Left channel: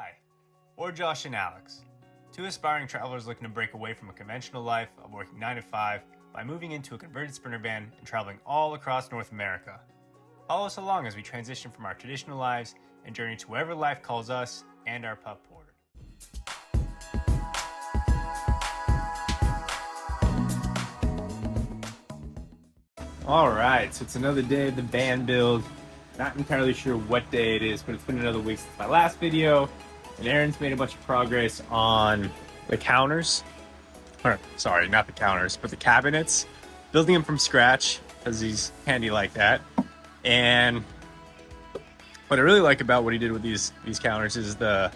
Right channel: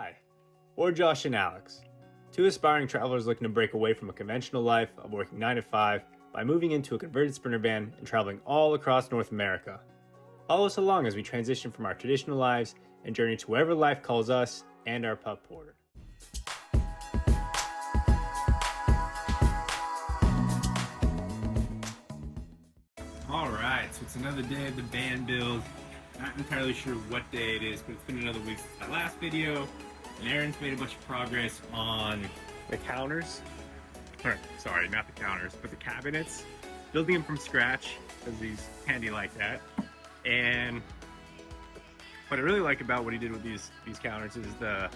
Hi, we're Josh and Alex, two aspiring travelers looking to break away from a conventional life of working 9 to 5 by moving into a converted Sprinter van and traveling all across North America. Follow us along as we transition from our traditional lives and journey to wherever life calls us and our pup Porter. Alright, so it's another day of the van build. Not entirely sure what day it is, but it's been another week since my last video. And Aaron's made a bunch of progress on the counters. Or, sorry, not the counters, but the cabinets. Building them from scratch, because he's handy like that. And what I really like about what he did with these counters is the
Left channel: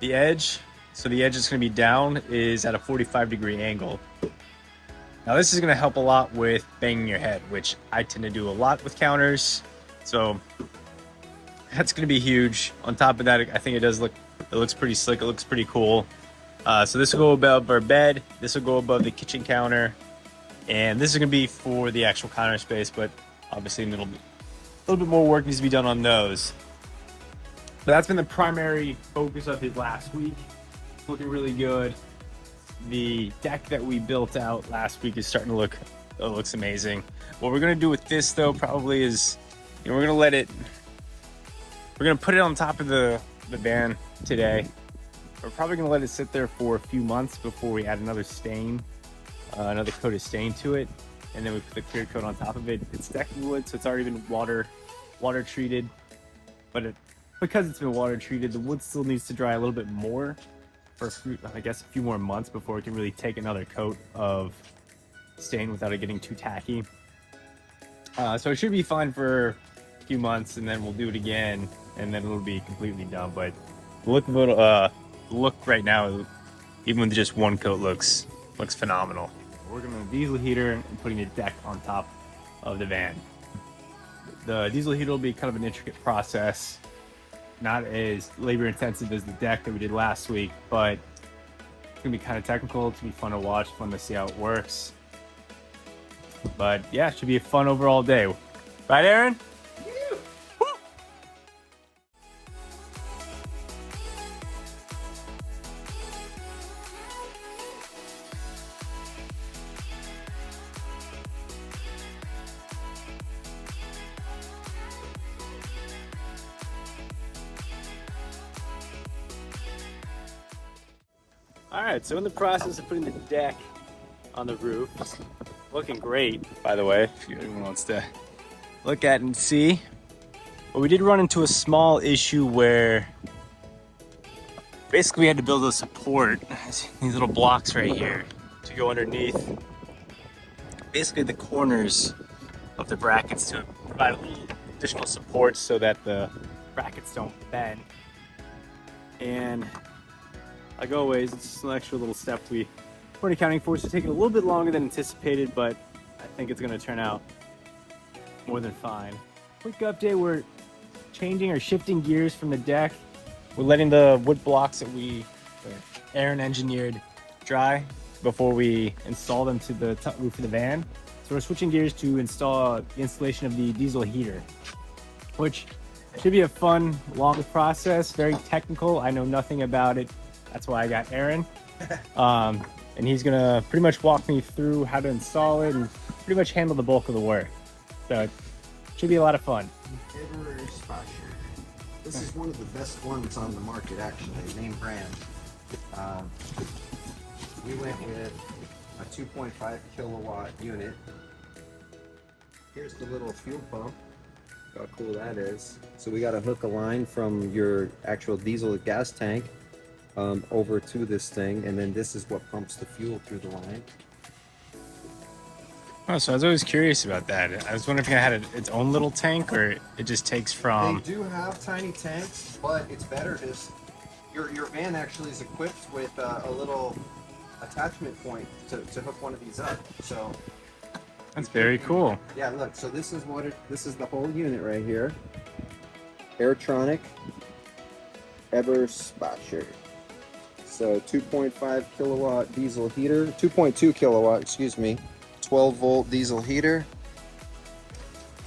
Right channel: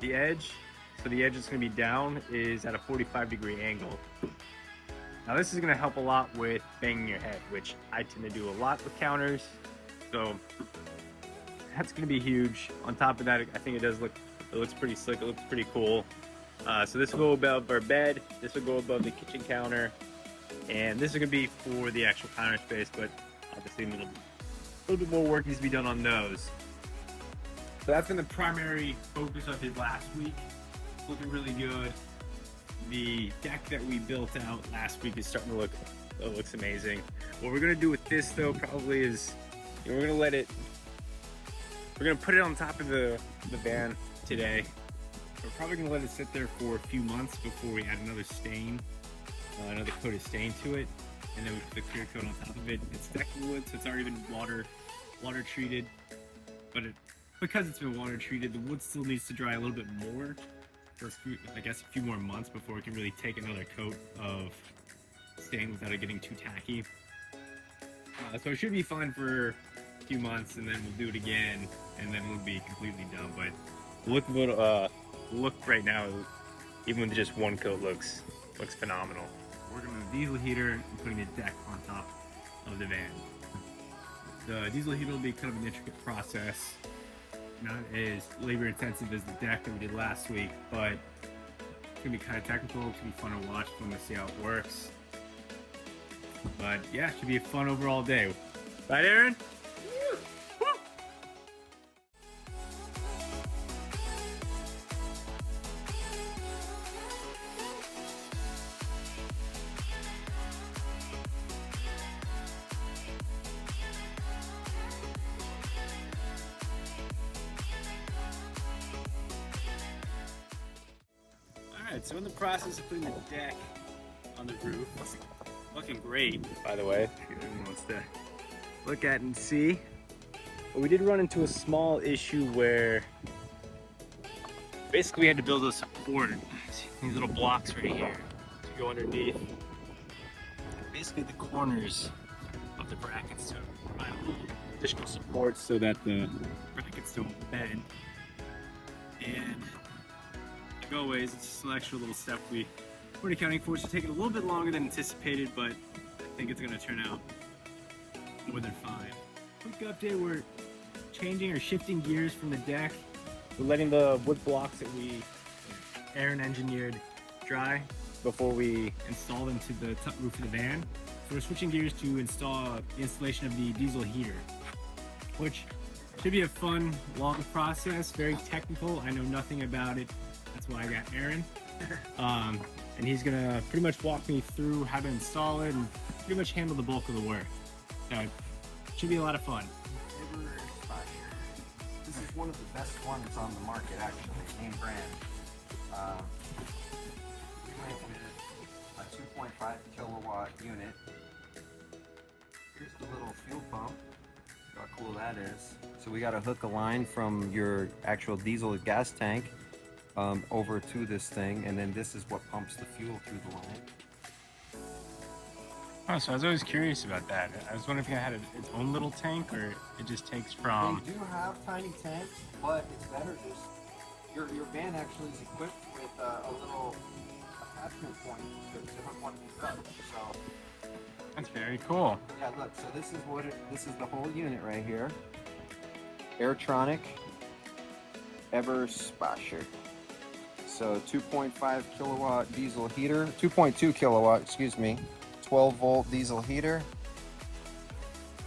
edge. So the edge that's going to be down is at a 45-degree angle. Now this is going to help a lot with banging your head, which I tend to do a lot with counters. So that's going to be huge. On top of that, I think it looks pretty slick. It looks pretty cool. So this will go above our bed. This will go above the kitchen counter. And this is going to be for the actual counter space, but obviously a little bit more work needs to be done on those. But that's been the primary focus of his last week. It's looking really good. The deck that we built out last week is starting to look, it looks amazing. What we're going to do with this though probably is, we're going to put it on top of the van today. We're probably going to let it sit there for a few months before we add another stain, another coat of stain to it. And then we put the clear coat on top of it. It's decking wood, so it's already been water treated. But because it's been water treated, the wood still needs to dry a little bit more for a few more months before we can really take another coat of stain without it getting too tacky. So it should be fine for a few months, and then we'll do it again, and then it'll be completely done. But the look right now, even with just one coat, looks phenomenal. We're going to diesel heater and putting the deck on top of the van. The diesel heater will be kind of an intricate process, not as labor intensive as the deck that we did last week, but it's gonna be kind of technical. It's gonna be fun to watch, fun to see how it works. But yeah, it should be a fun overall day. Right, Aaron? Alright, so in the process of putting the deck on the roof, it's looking great, by the way, if anyone wants to look at and see. But we did run into a small issue where basically we had to build a support, these little blocks right here, to go underneath basically the corners of the brackets to provide a little additional support so that the brackets don't bend. And like always, it's just an extra little step we weren't accounting for. So taking a little bit longer than anticipated, but I think it's going to turn out more than fine. Quick update, we're changing or shifting gears from the deck. We're letting the wood blocks that Aaron engineered dry before we install them to the roof of the van. So we're switching gears to install the installation of the diesel heater, which should be a fun, long process, very technical. I know nothing about it. That's why I got Aaron. And he's gonna pretty much walk me through how to install it and pretty much handle the bulk of the work. So it should be a lot of fun. This is one of the best ones on the market, actually, name brand. We went with a 2.5 kilowatt unit. Here's the little fuel pump. Look how cool that is. So we got to hook a line from your actual diesel gas tank over to this thing, and then this is what pumps the fuel through the line. Oh, so I was always curious about that. I was wondering if it had its own little tank, or it just takes from... They do have tiny tanks, but it's better to... Your van actually is equipped with a little attachment point to hook one of these up. So that's very cool. Yeah, look. So this is this is the whole unit right here. Airtronic Eberspacher. So 2.5 kilowatt diesel heater, 2.2 kilowatt, excuse me, 12 volt diesel heater.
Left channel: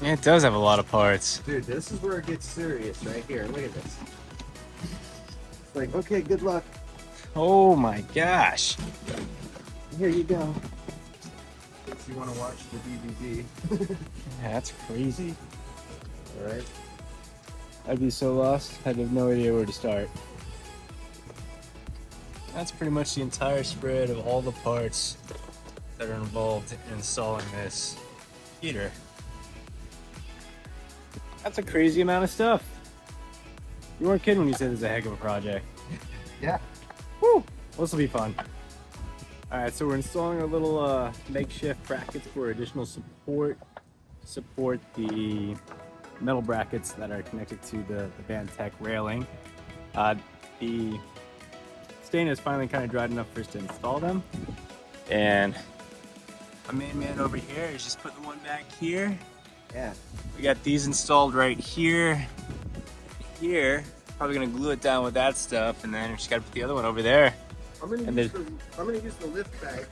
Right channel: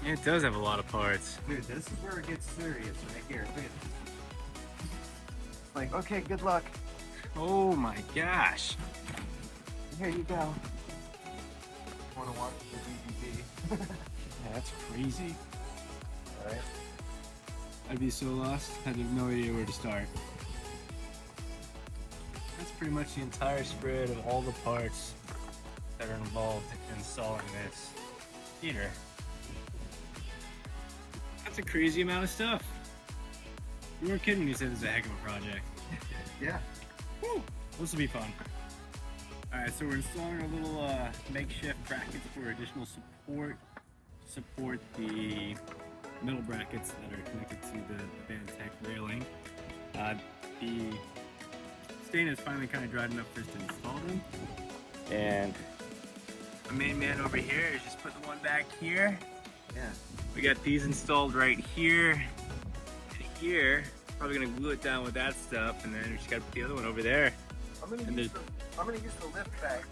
Yeah, it does have a lot of parts. Dude, this is where it gets serious right here. Look at this. It's like, okay, good luck. Oh my gosh. Here you go. If you want to watch the DVD. Yeah, that's crazy. All right. I'd be so lost. I'd have no idea where to start. That's pretty much the entire spread of all the parts that are involved in installing this heater. That's a crazy amount of stuff. You weren't kidding when you said it was a heck of a project. Yeah. Woo! This will be fun. Alright, so we're installing our little makeshift brackets for additional support to support the metal brackets that are connected to the Vantec railing. The stain is finally kind of dried enough for us to install them. And our main man over here is just putting the one back here. Yeah. We got these installed right here. Here, probably gonna glue it down with that stuff, and then we just gotta put the other one over there. I'm gonna use the lift bag.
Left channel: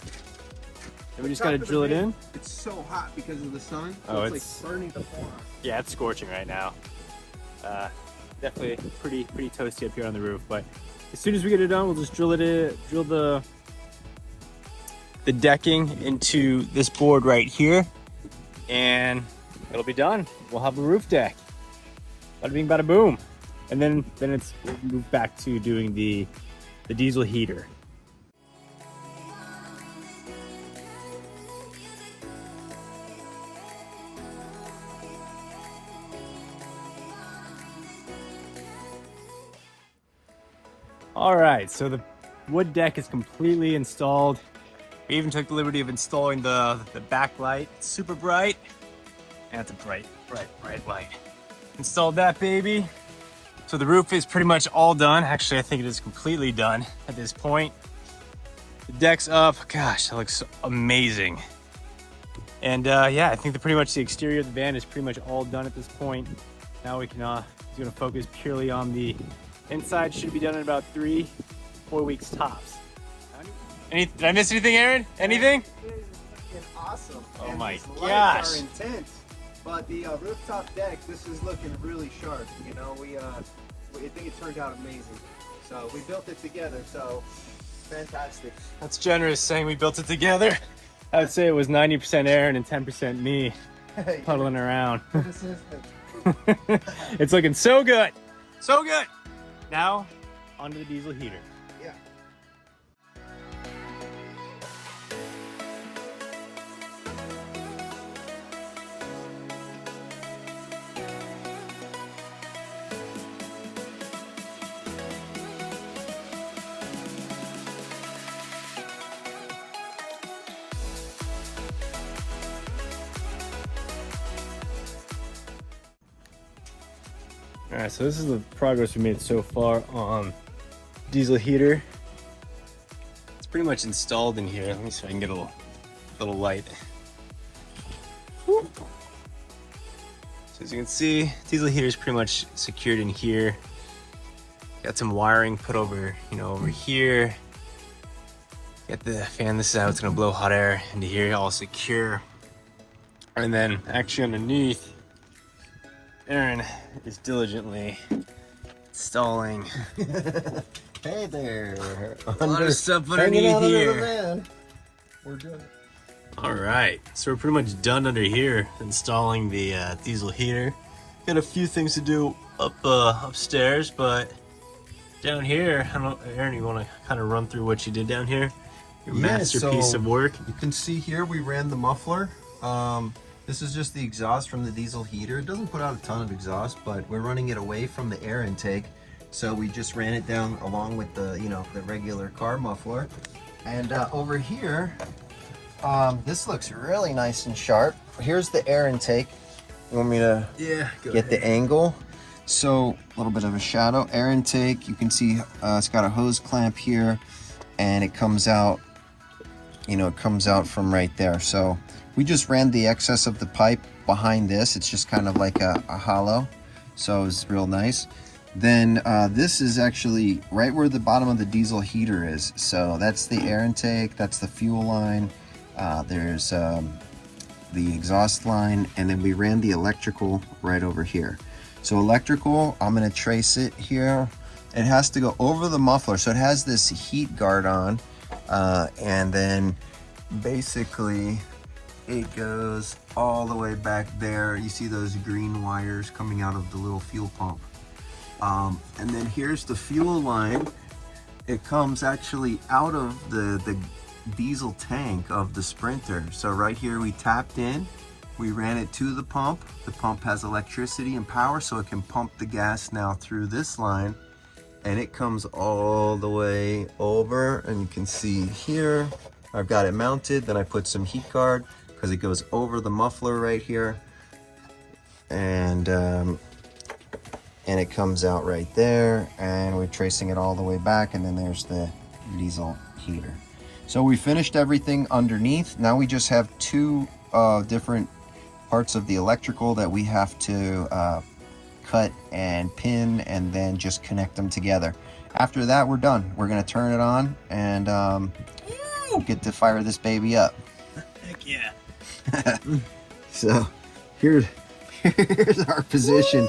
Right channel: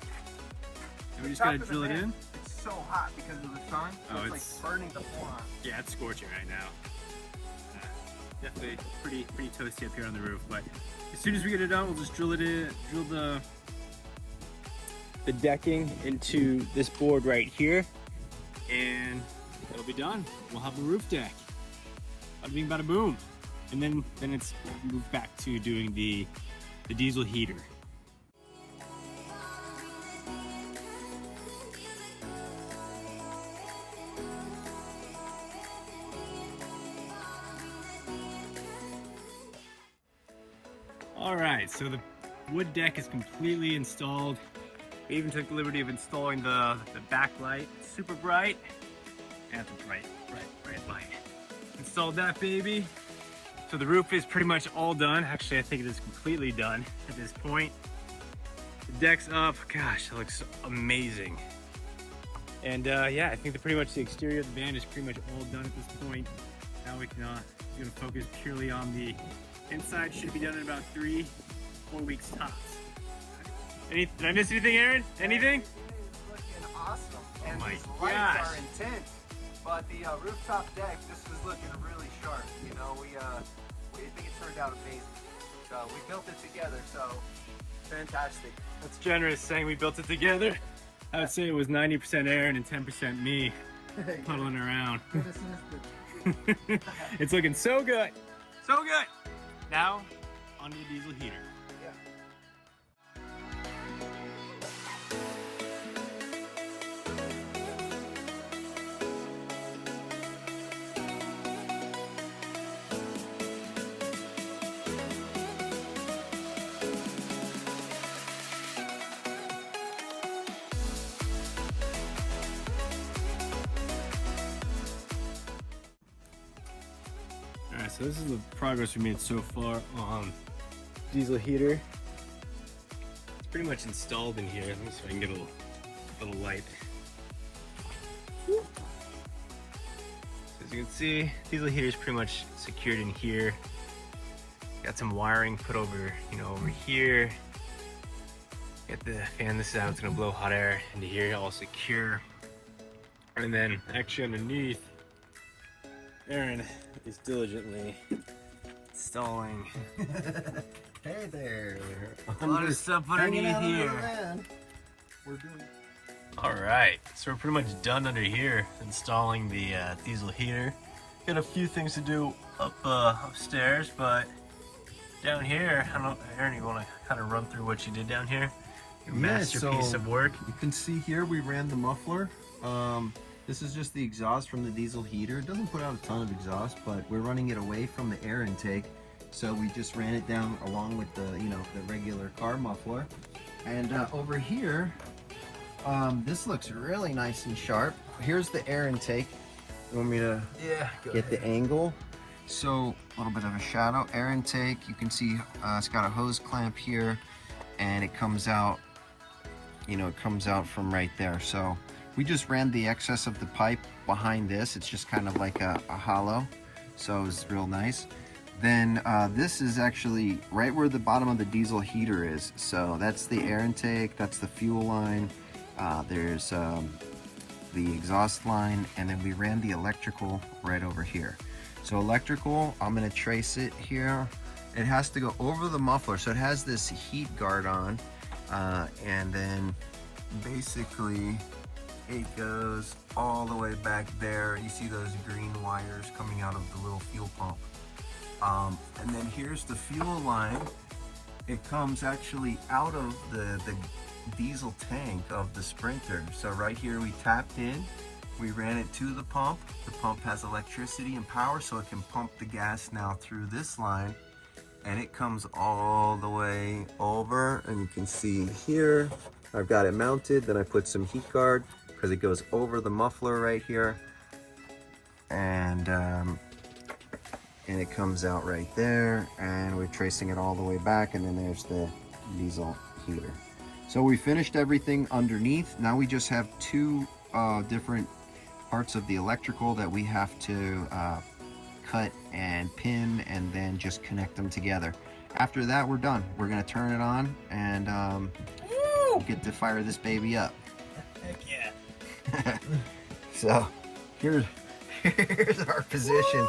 And we just gotta drill it in. It's so hot because of the sun. Oh, it's like burning the floor. Yeah, it's scorching right now. Definitely pretty toasty up here on the roof, but as soon as we get it done, we'll just drill the decking into this board right here, and it'll be done. We'll have a roof deck. Bada bing, bada boom. And then it's moved back to doing the diesel heater. All right, so the wood deck is completely installed. We even took the liberty of installing the backlight. It's super bright. That's a bright light. Installed that baby. So the roof is pretty much all done. Actually, I think it is completely done at this point. The deck's up. Gosh, that looks amazing. And yeah, I think pretty much the exterior of the van is pretty much all done at this point. Now we can he's gonna focus purely on the inside. Should be done in about 3-4 weeks tops. Did I miss anything, Aaron? Anything? It is looking awesome. Oh and my these gosh. lights are intense. But the rooftop deck, this is looking really sharp. You know, I think it turned out amazing. So we built it together. So fantastic. That's generous saying we built it together. I would say it was 90% Aaron and 10% me puddling around. It's looking so good. So good. Now, onto the diesel heater. Yeah. All right, so this is the progress we made so far on diesel heater. It's pretty much installed in here. Let me see if I can get a little light. So as you can see, diesel heater is pretty much secured in here. Got some wiring put over, over here. Got the fan. This is how it's gonna blow hot air into here, all secure. And then actually underneath, Aaron is diligently installing Hey there. a lot of stuff underneath here. We're good. All right, so we're pretty much done under here installing the diesel heater. Got a few things to do upstairs, but down here, I don't know, Aaron, you want to kind of run through what you did down here? Your masterpiece of work. You can see here we ran the muffler. This is just the exhaust from the diesel heater. It doesn't put out a ton of exhaust, but we're running it away from the air intake. So we just ran it down along with the, the regular car muffler. And over here, this looks really nice and sharp. Here's the air intake. You want me to get the angle? So a little bit of a shadow. Air intake, you can see it's got a hose clamp here, and it comes out, it comes out from right there. So we just ran the excess of the pipe behind this. It's just kind of like a hollow, so it's real nice. Then this is actually right where the bottom of the diesel heater is. So that's the air intake, that's the fuel line, there's the exhaust line, and then we ran the electrical right over here. So electrical, I'm gonna trace it here It has to go over the muffler, so it has this heat guard on, and then basically it goes all the way back there. You see those green wires coming out of the little fuel pump. And then here's the fuel line. It comes actually out of the diesel tank of the Sprinter. So right here we tapped in, we ran it to the pump. The pump has electricity and power, so it can pump the gas now through this line, and it comes all the way over, and you can see here I've got it mounted. Then I put some heat guard because it goes over the muffler right here, and it comes out right there, and we're tracing it all the way back, and then there's the diesel heater. So we finished everything underneath. Now we just have two different parts of the electrical that we have to cut and pin, and then just connect them together. After that, we're done. We're gonna turn it on and get to fire this baby up. Heck yeah. So here's our position.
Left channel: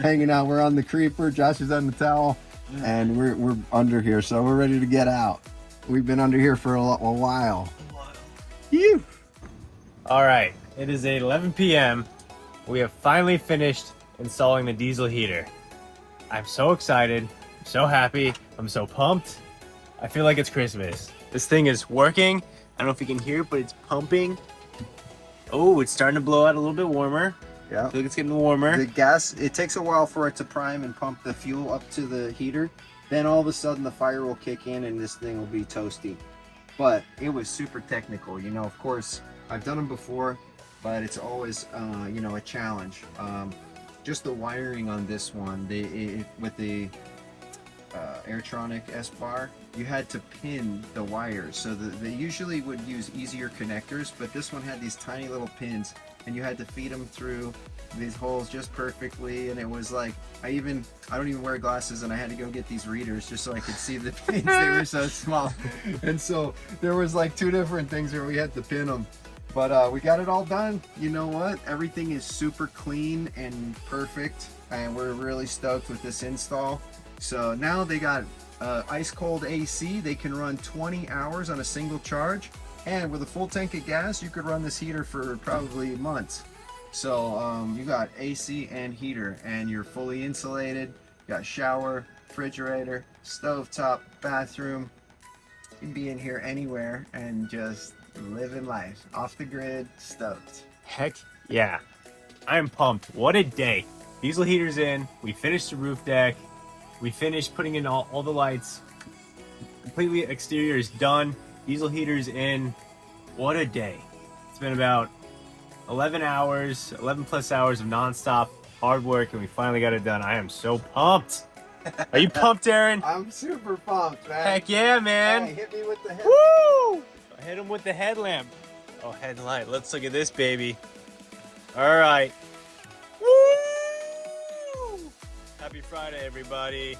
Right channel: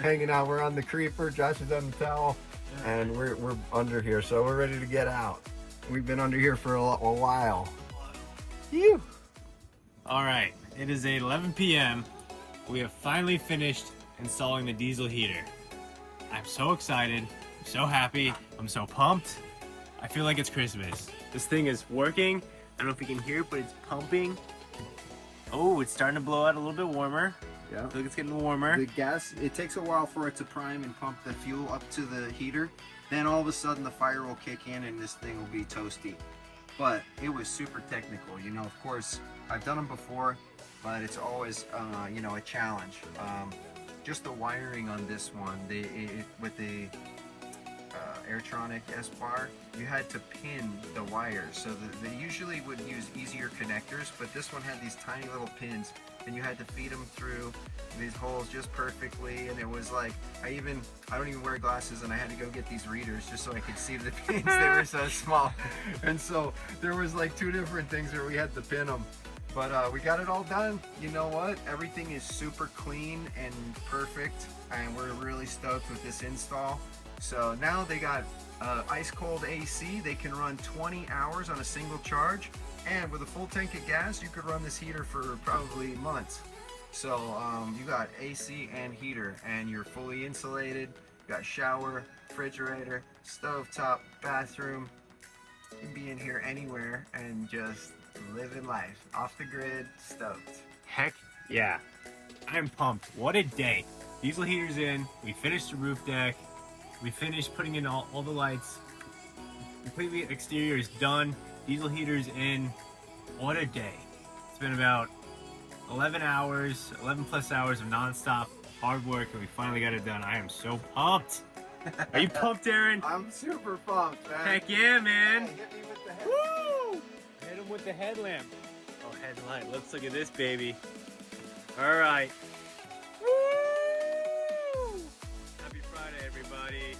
Hanging out. We're on the creeper. Josh is on the towel, and we're under here, so we're ready to get out. We've been under here for a while. Phew. All right, it is 11 p.m. We have finally finished installing the diesel heater. I'm so excited, I'm so happy, I'm so pumped. I feel like it's Christmas. This thing is working. I don't know if you can hear it, but it's pumping. Oh, it's starting to blow out a little bit warmer. Yeah. I feel like it's getting warmer. The gas, it takes a while for it to prime and pump the fuel up to the heater. Then all of a sudden the fire will kick in and this thing will be toasty. But it was super technical. You know, of course, I've done them before, but it's always, you know, a challenge. Just the wiring on this one, with the Airtronic S-Bar, you had to pin the wires. So they usually would use easier connectors, but this one had these tiny little pins, and you had to feed them through these holes just perfectly. And it was like, I don't even wear glasses, and I had to go get these readers just so I could see the pins. They were so small. And so there was like two different things where we had to pin them. But we got it all done. You know what? Everything is super clean and perfect, and we're really stoked with this install. So now they got ice cold AC. They can run 20 hours on a single charge, and with a full tank of gas, you could run this heater for probably months. So you got AC and heater, and you're fully insulated. You got shower, refrigerator, stovetop, bathroom. You can be in here anywhere and just living life off the grid, stoked. Heck yeah. I am pumped. What a day. Diesel heater's in. We finished the roof deck. We finished putting in all the lights. Completely exterior is done. Diesel heater's in. What a day. It's been about 11 plus hours of nonstop hard work, and we finally got it done. I am so pumped. Are you pumped, Aaron? I'm super pumped, man. Heck yeah, man. Hey, hit me with the head. Woo! I hit him with the headlamp. Oh, headlight. Let's look at this baby. All right. Woo! Happy Friday, everybody.